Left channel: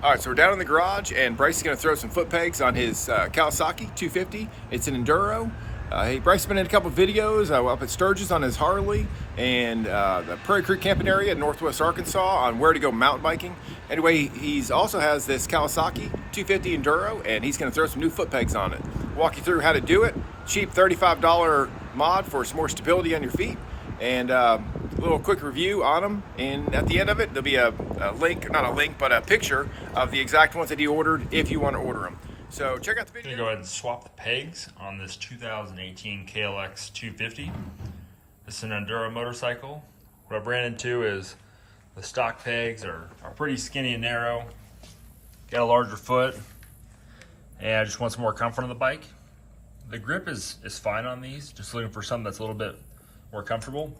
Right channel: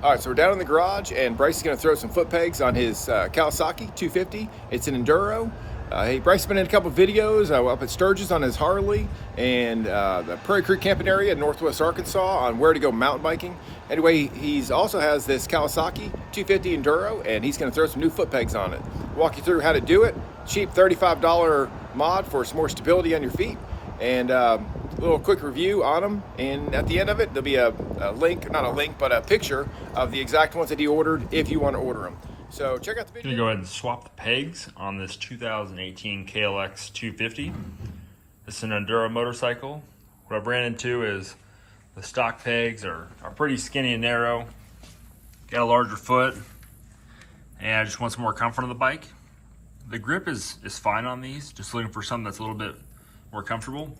All right, so we're down in the garage, and Bryce is going to throw some foot pegs on his Kawasaki 250. It's an Enduro. Bryce has been in a couple of videos up at Sturgis on his Harley, and the Prairie Creek camping area in northwest Arkansas on where to go mountain biking. Anyway, he also has this Kawasaki 250 Enduro, and he's going to throw some new foot pegs on it. Walk you through how to do it. Cheap $35 mod for some more stability on your feet, and a little quick review on them. And at the end of it, there'll be a link, not a link, but a picture of the exact ones that he ordered if you want to order them. So check out the video. I'm gonna go ahead and swap the pegs on this 2018 KLX 250. This is an Enduro motorcycle. What I ran into is the stock pegs are pretty skinny and narrow. Got a larger foot, and I just want some more comfort on the bike. The grip is fine on these, just looking for something that's a little bit more comfortable.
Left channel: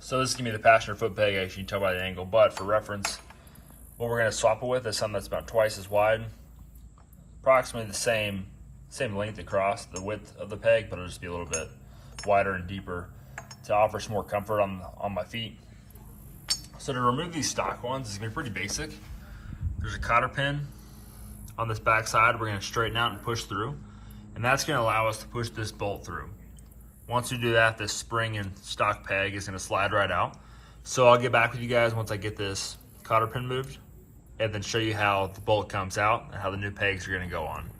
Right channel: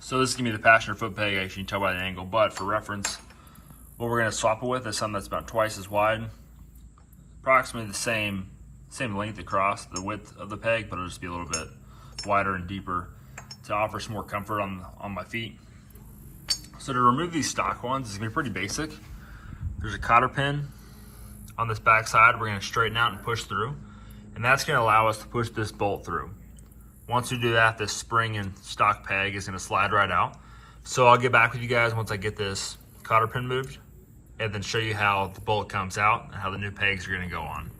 So this is gonna be the passenger foot peg, as you can tell by the angle, but for reference, what we're gonna swap it with is something that's about twice as wide. Approximately the same length across the width of the peg, but it'll just be a little bit wider and deeper to offer some more comfort on my feet. So to remove these stock ones, it's gonna be pretty basic. There's a cotter pin on this back side we're gonna straighten out and push through, and that's gonna allow us to push this bolt through. Once we do that, this spring and stock peg is gonna slide right out. So I'll get back with you guys once I get this cotter pin moved, and then show you how the bolt comes out and how the new pegs are gonna go on.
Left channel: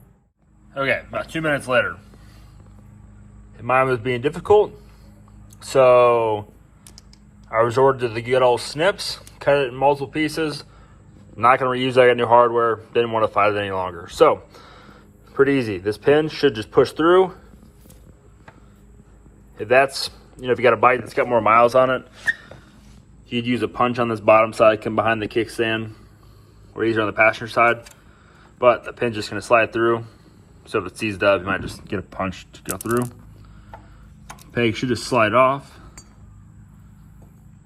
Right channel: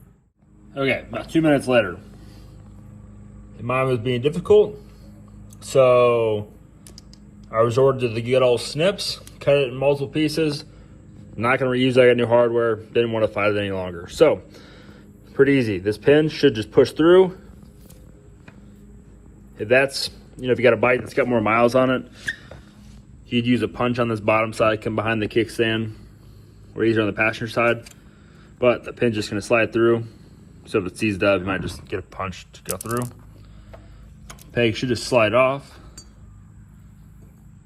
Okay, about 2 minutes later. Mine was being difficult, so I resorted to the good old snips, cut it in multiple pieces. I'm not gonna reuse that, I got new hardware, didn't wanna fight it any longer. So, pretty easy. This pin should just push through. If that's, if you got a bike that's got more miles on it, you'd use a punch on this bottom side, come behind the kickstand, or easier on the passenger side, but the pin's just gonna slide through. So if it seized up, you might just get a punch to go through. Peg should just slide off,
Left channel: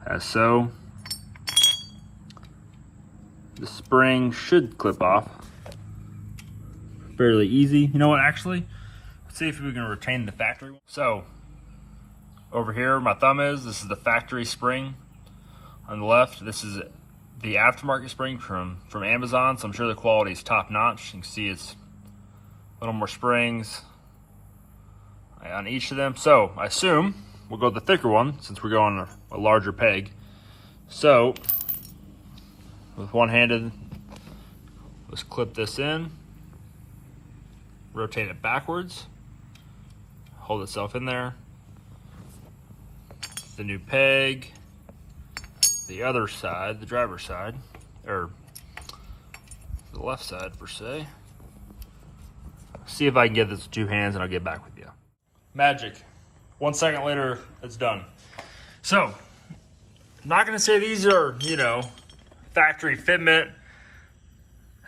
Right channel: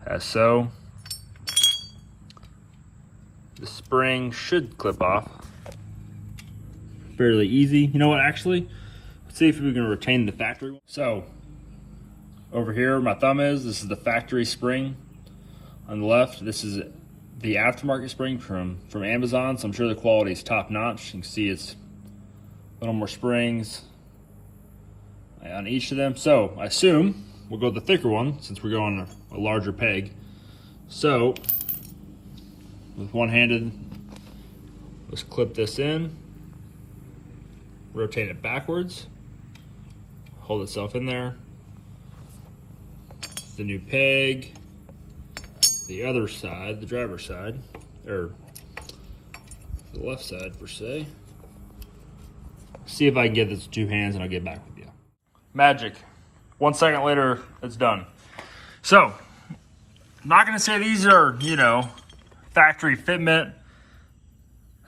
as so. The spring should clip off. Fairly easy. You know what, actually, let's see if we can retain the factory. So, over here, my thumb is, this is the factory spring. On the left, this is the aftermarket spring from Amazon, so I'm sure the quality is top notch. You can see it's a little more springs on each of them. So I assume we'll go with the thicker one since we're going a larger peg. So with one-handed, let's clip this in, rotate it backwards, hold itself in there. The new peg, the other side, the driver's side, or the left side per se. See if I can get this with 2 hands and I'll get back with you. Magic. 1 second later, it's done. So, I'm not gonna say these are, factory fitment,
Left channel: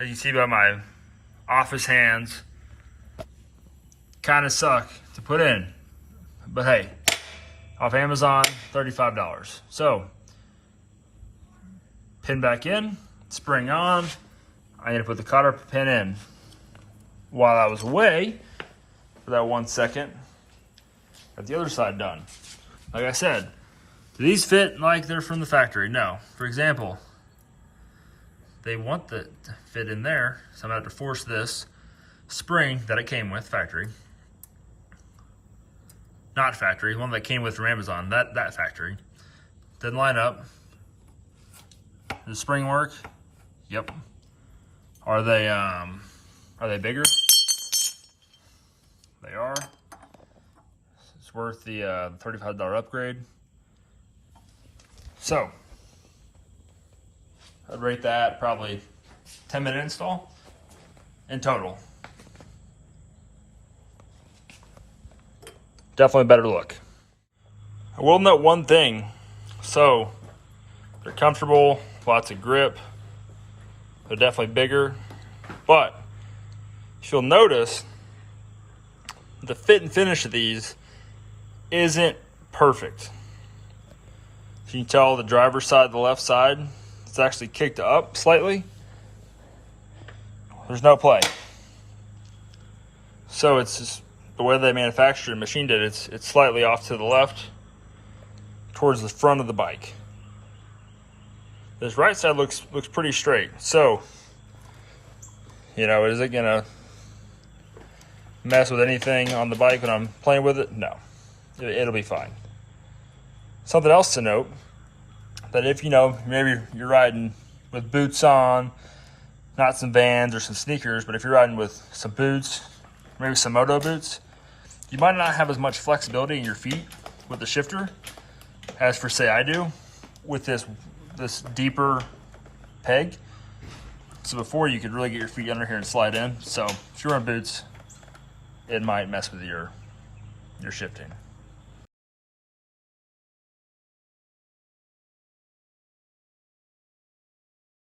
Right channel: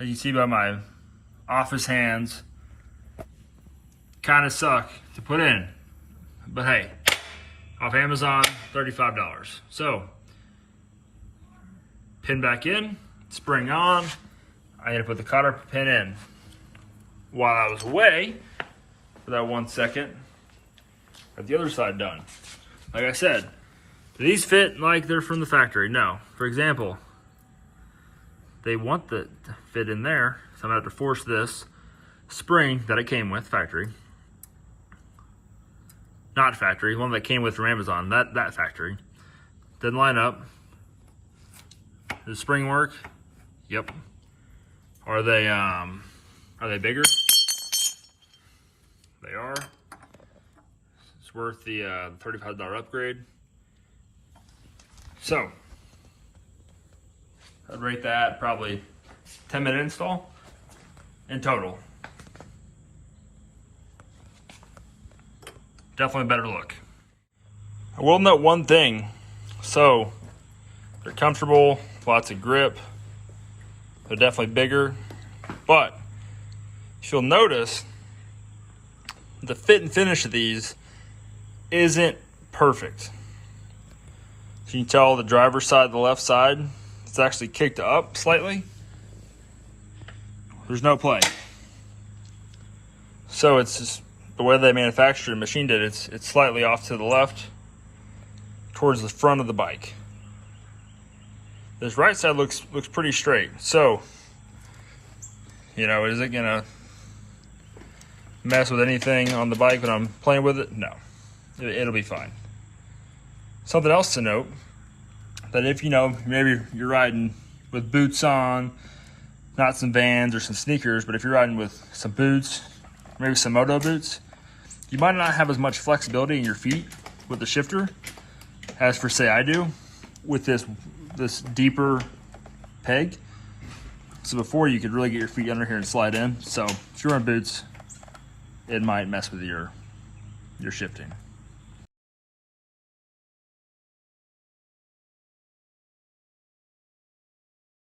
as you see by my office hands. Kinda suck to put in, but hey, off Amazon, $35. So, pin back in, spring on. I need to put the cotter pin in. While I was away for that 1 second, got the other side done. Like I said, do these fit like they're from the factory? No. For example, they want the fit in there, so I'm gonna have to force this spring that it came with, factory. Not factory, one that came with from Amazon, that factory. Didn't line up. Does the spring work? Yep. Are they bigger? They are. It's worth the $35 upgrade. So, I'd rate that probably 10-minute install in total. Definitely better look. I will note one thing. So, they're comfortable, lots of grip. They're definitely bigger, but you'll notice the fit and finish of these isn't perfect. So you can tell the driver's side, the left side, it's actually kicked up slightly. There's no play. So it's just the way they manufactured and machined it, it's slightly off to the left towards the front of the bike. This right side looks pretty straight. So You know, is it gonna mess with anything on the bike when I'm playing with it? No, it'll be fine. Something else to note, that if, you know, maybe you're riding with boots on, not some Vans or some sneakers, but if you're riding with some boots, maybe some moto boots, you might not have as much flexibility in your feet with the shifter as, for say, I do with this deeper peg. So before, you could really get your feet under here and slide in. So if you're wearing boots, it might mess with your shifting.